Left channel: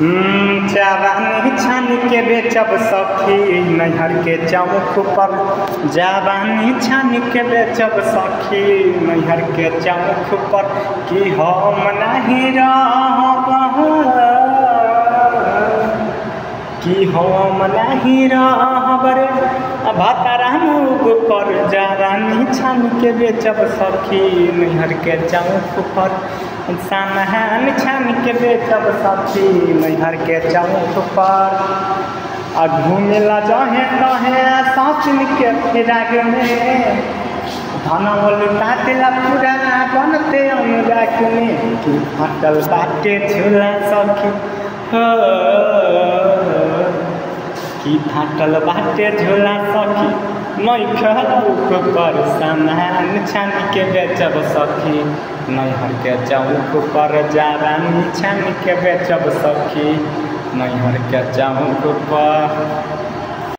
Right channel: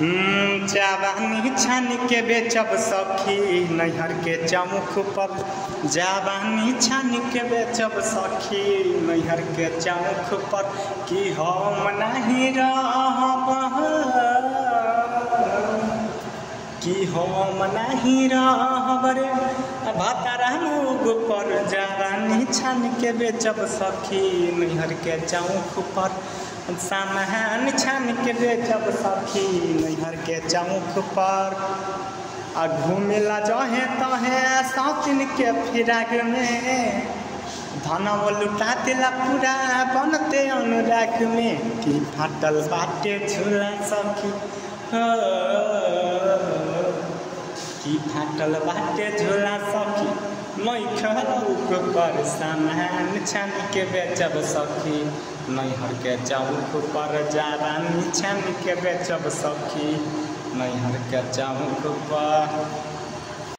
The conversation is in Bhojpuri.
जवानी छान के बेचब सखी नैहर के चौक पर। जवानी छान के बेचब सखी नैहर के चौक पर। कि हम नहीं रहब, कि हम नहीं रहब रे भतरा मुँह पर। जवानी छान के बेचब सखी नैहर के चौक पर। सामान छान के बेचब सखी नैहर के चौक पर। और घूमेला जहे तहे साथिन के फिराग में। धनवा लुटा देला पूरा बनते अनुराग में। कि फटल बाटे झूला सखी हो, कि फाटल बाटे झूला सखी मैखलौक पर। सामान छान के बेचब सखी नैहर के चौक पर। जवानी छान के बेचब सखी नैहर के चौक पर।